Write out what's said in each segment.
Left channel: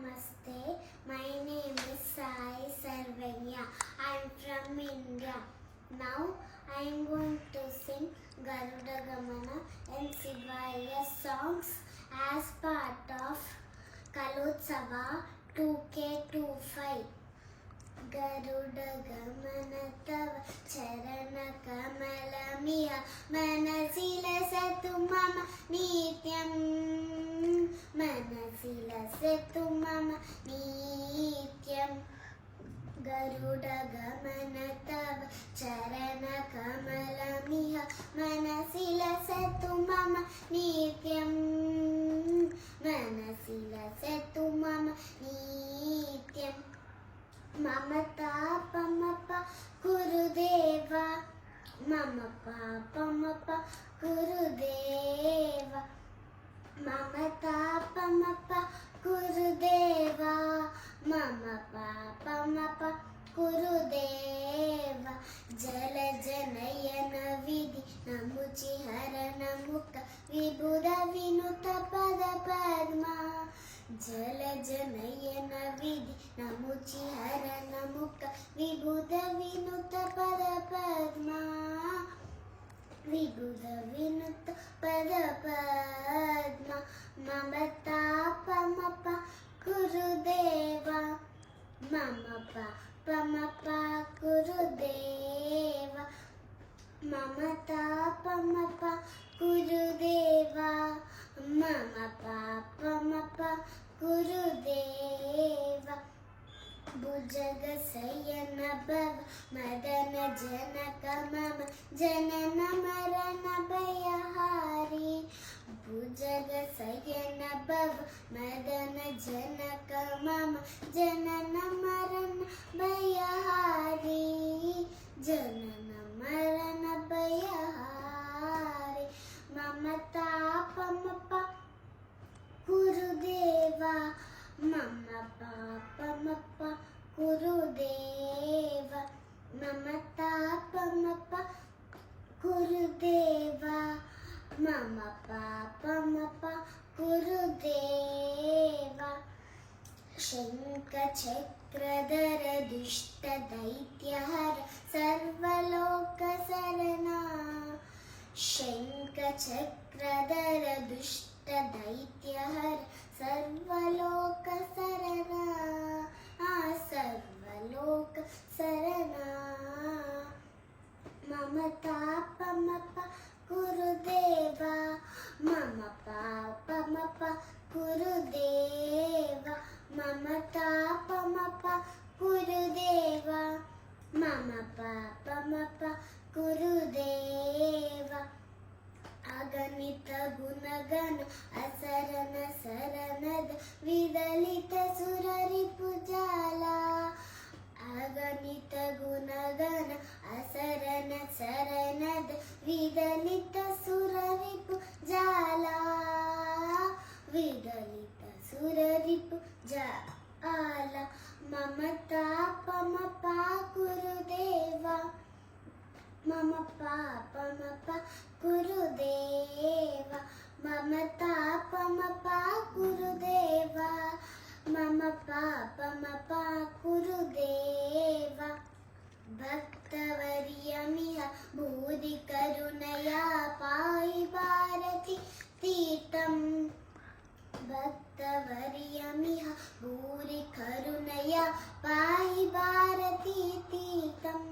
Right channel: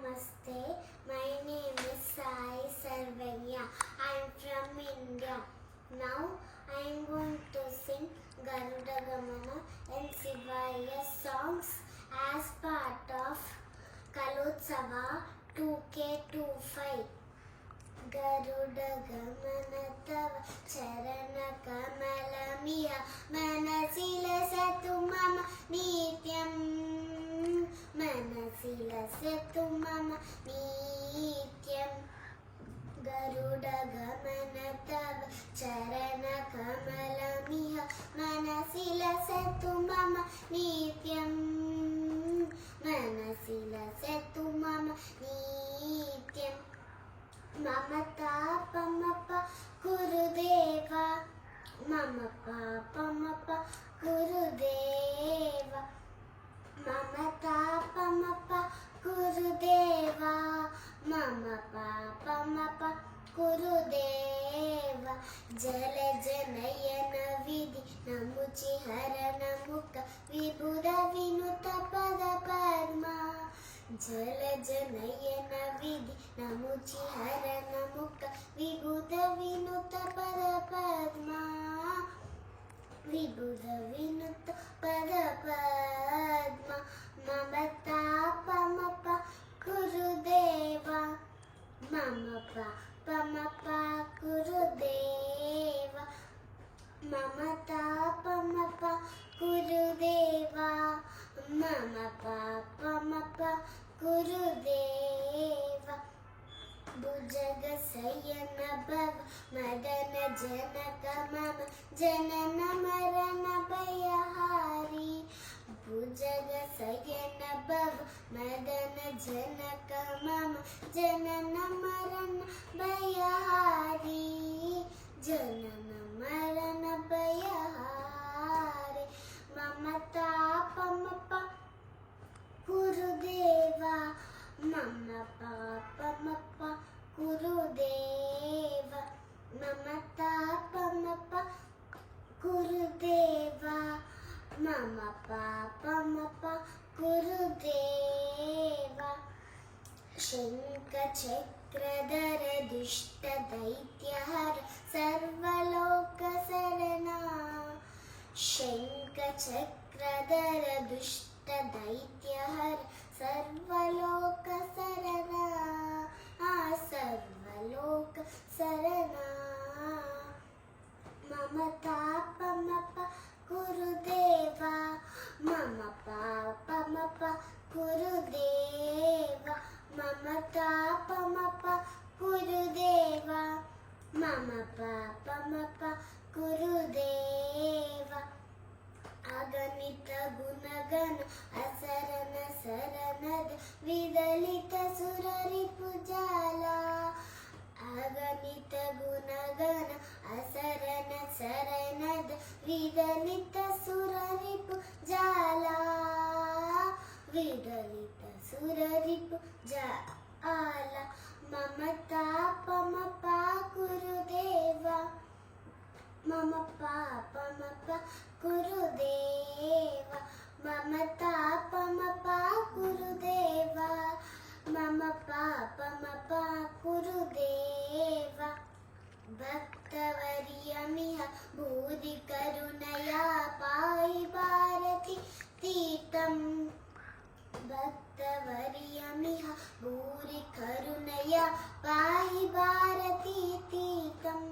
Namaste. My name is Sai Sarvanya. I am from India. Now I am going to sing Garuda Gamana and Shivaya songs as part of Kalotsava 2K25. Garuda Gamana Tava Charana Kamalamiya Manasila Satu Mama Nityam Manasila Satu Mama Nityam Garuda Gamana Tava Charana Kamalamiya Manasila Satu Mama Nityam Manasila Satu Mama Nityam Mama Tapa Mapa Gurudeva Mama Papa Mapa Gurudeva Mama Tapa Mapa Gurudeva Mama Papa Mapa Gurudeva Jala Janayana Vidhi Namuchi Harana Mukha Vibhuda Vinuta Pada Padma Jala Janayana Vidhi Namuchi Harana Mukha Vibhuda Vinuta Pada Padma Vibhuda Vinuta Pada Padma Mama Tapa Mapa Gurudeva Mama Papa Mapa Gurudeva Mama Tapa Mapa Gurudeva Mama Papa Mapa Gurudeva Bhujaga Sayana Bhava Madana Janaka Mama Janana Marana Bhayahari Bhujaga Sayana Bhava Madana Janaka Mama Janana Marana Bhayahari Janana Marana Bhayahari Mama Tapa Mapa Gurudeva Mama Papa Mapa Gurudeva Mama Tapa Mapa Gurudeva Mama Papa Mapa Gurudeva Shankha Chakradhara Dushta Daityahara Sarvaloka Sarana Shankha Chakradhara Dushta Daityahara Sarvaloka Sarana Sarvaloka Sarana Mama Tapa Mapa Gurudeva Mama Papa Mapa Gurudeva Mama Tapa Mapa Gurudeva Mama Papa Mapa Gurudeva Aganita Gunagana Asarana Saranada Vidalita Surari Pujala Aganita Gunagana Asarana Saranada Vidalita Surari Pujala Vidalita Surari Pujala Mama Tapa Mapa Gurudeva Mama Papa Mapa Gurudeva Mama Tapa Mapa Gurudeva Mama Papa Mapa Gurudeva Bhaktavariyamiha Bodhi Karunaya Pai Bharati Tirtham Bhaktavariyamiha Bodhi Karunaya Pai Bharati Tirtham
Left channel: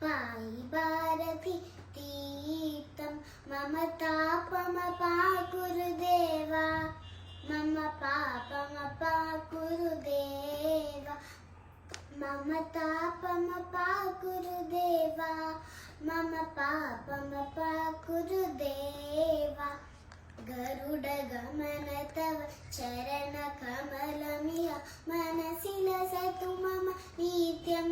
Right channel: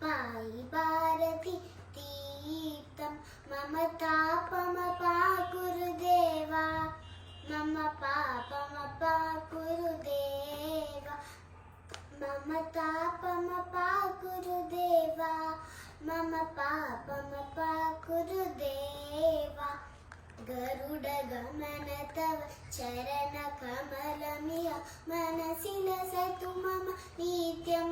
Pai Bharati Tirtham Mama Tapa Mapa Gurudeva Mama Papa Mapa Gurudeva Mama Tapa Mapa Gurudeva Mama Papa Mapa Gurudeva Garuda Gamana Tava Charana Kamalamiya Manasila Satu Mama Nityam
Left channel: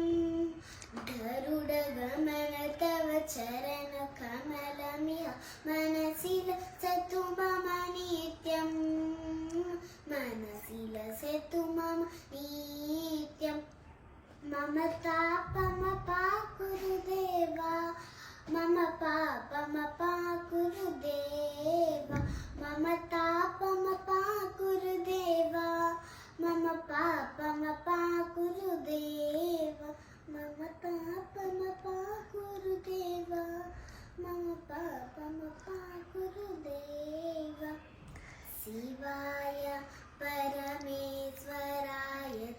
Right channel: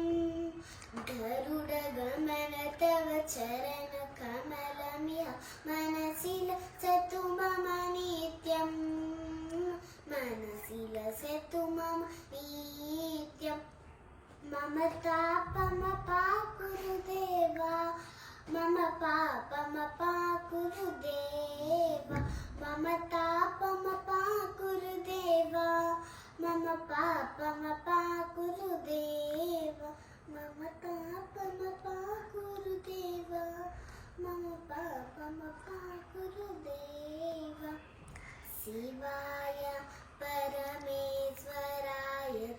Garuda Gamana Tava Charana Kamalamiya Manasila Satu Mama Nityam Manasila Satu Mama Nityam Mama Tapa Mapa Gurudeva Mama Papa Mapa Gurudeva Mama Tapa Mapa Gurudeva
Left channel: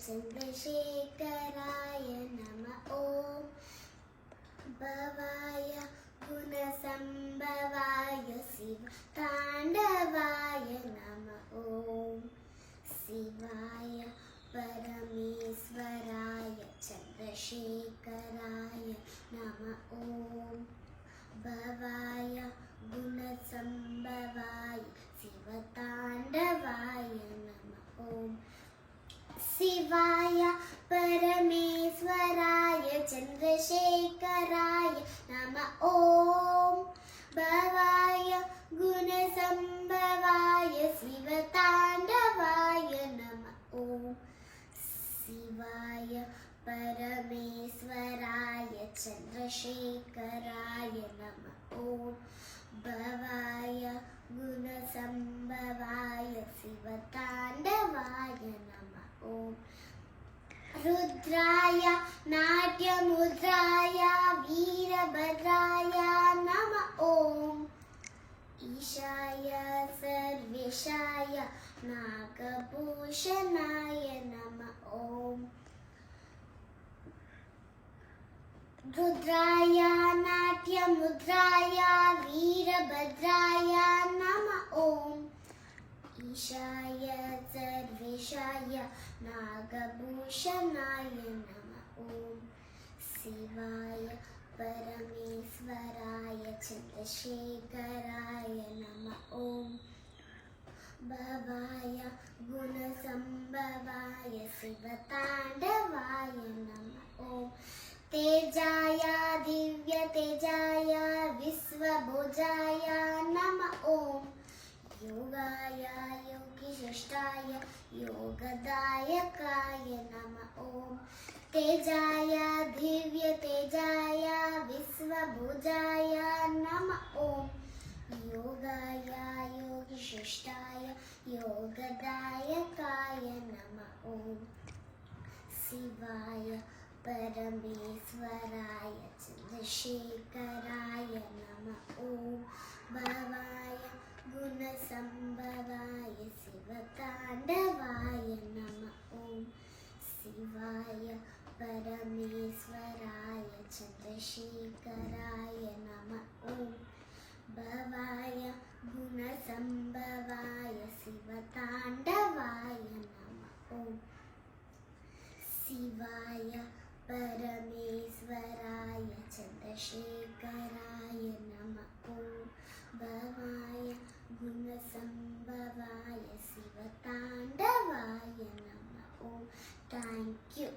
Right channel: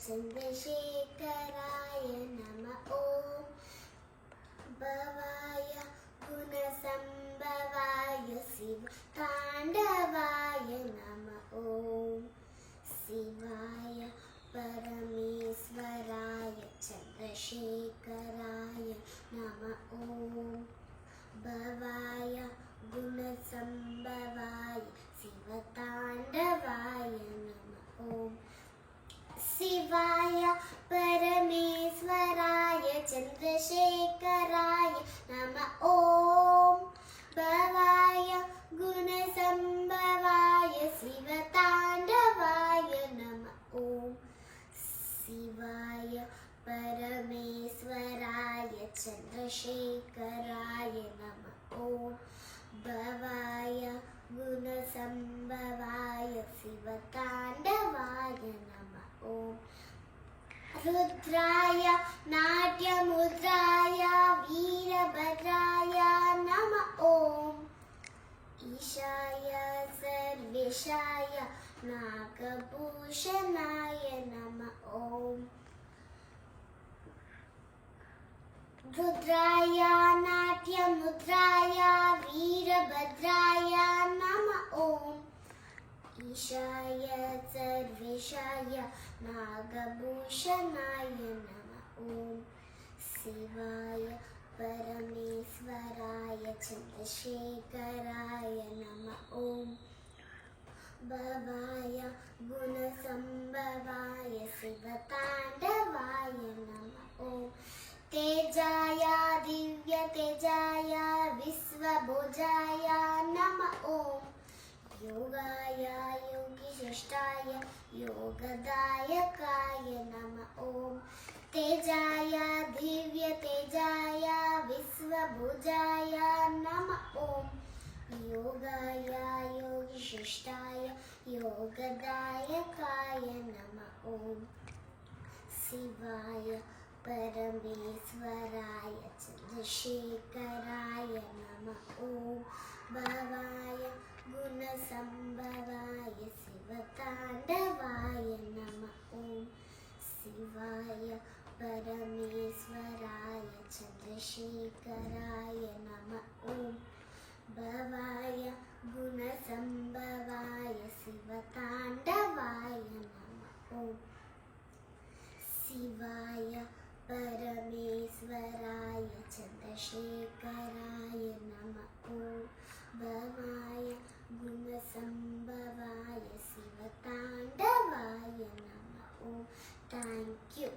चन्द्रशेखराय नमः ॐ भवाय गुणसम्भवाय शिवताण्डवाय नमः ॐ शिवाय परमेश्वराय चन्द्रशेखराय नमः ॐ भवाय गुणसम्भवाय शिवताण्डवाय नमः ॐ शिवाय परमेश्वराय चन्द्रशेखराय नमः ॐ भवाय गुणसम्भवाय शिवताण्डवाय नमः ॐ शिवाय परमेश्वराय चन्द्रशेखराय नमः ॐ भवाय गुणसम्भवाय शिवताण्डवाय नमः ॐ रुद्राय नाट्यमुद्राय वीरभद्राय नमः ॐ ईशाय सर्वेशाय नागभूषणाय नमः ॐ रुद्राय नाट्यमुद्राय वीरभद्राय नमः ॐ ईशाय सर्वेशाय नागभूषणाय नमः ॐ शिवाय परमेश्वराय चन्द्रशेखराय नमः ॐ भवाय गुणसम्भवाय शिवताण्डवाय नमः ॐ तेजाय दिव्यतेजाय विश्वभोजाय नमः ॐ योगाय योगिशिष्टाय योगदायकाय नमः ॐ तेजाय दिव्यतेजाय विश्वभोजाय नमः ॐ योगाय योगिशिष्टाय योगदायकाय नमः ॐ शिवाय परमेश्वराय चन्द्रशेखराय नमः ॐ भवाय गुणसम्भवाय शिवताण्डवाय नमः ॐ शिवाय परमेश्वराय चन्द्रशेखराय नमः ॐ भवाय गुणसम्भवाय शिवताण्डवाय नमः ॐ शिवाय परमेश्वराय चन्द्रशेखराय नमः ॐ भवाय गुणसम्भवाय शिवताण्डवाय नमः ॐ थैंक यू।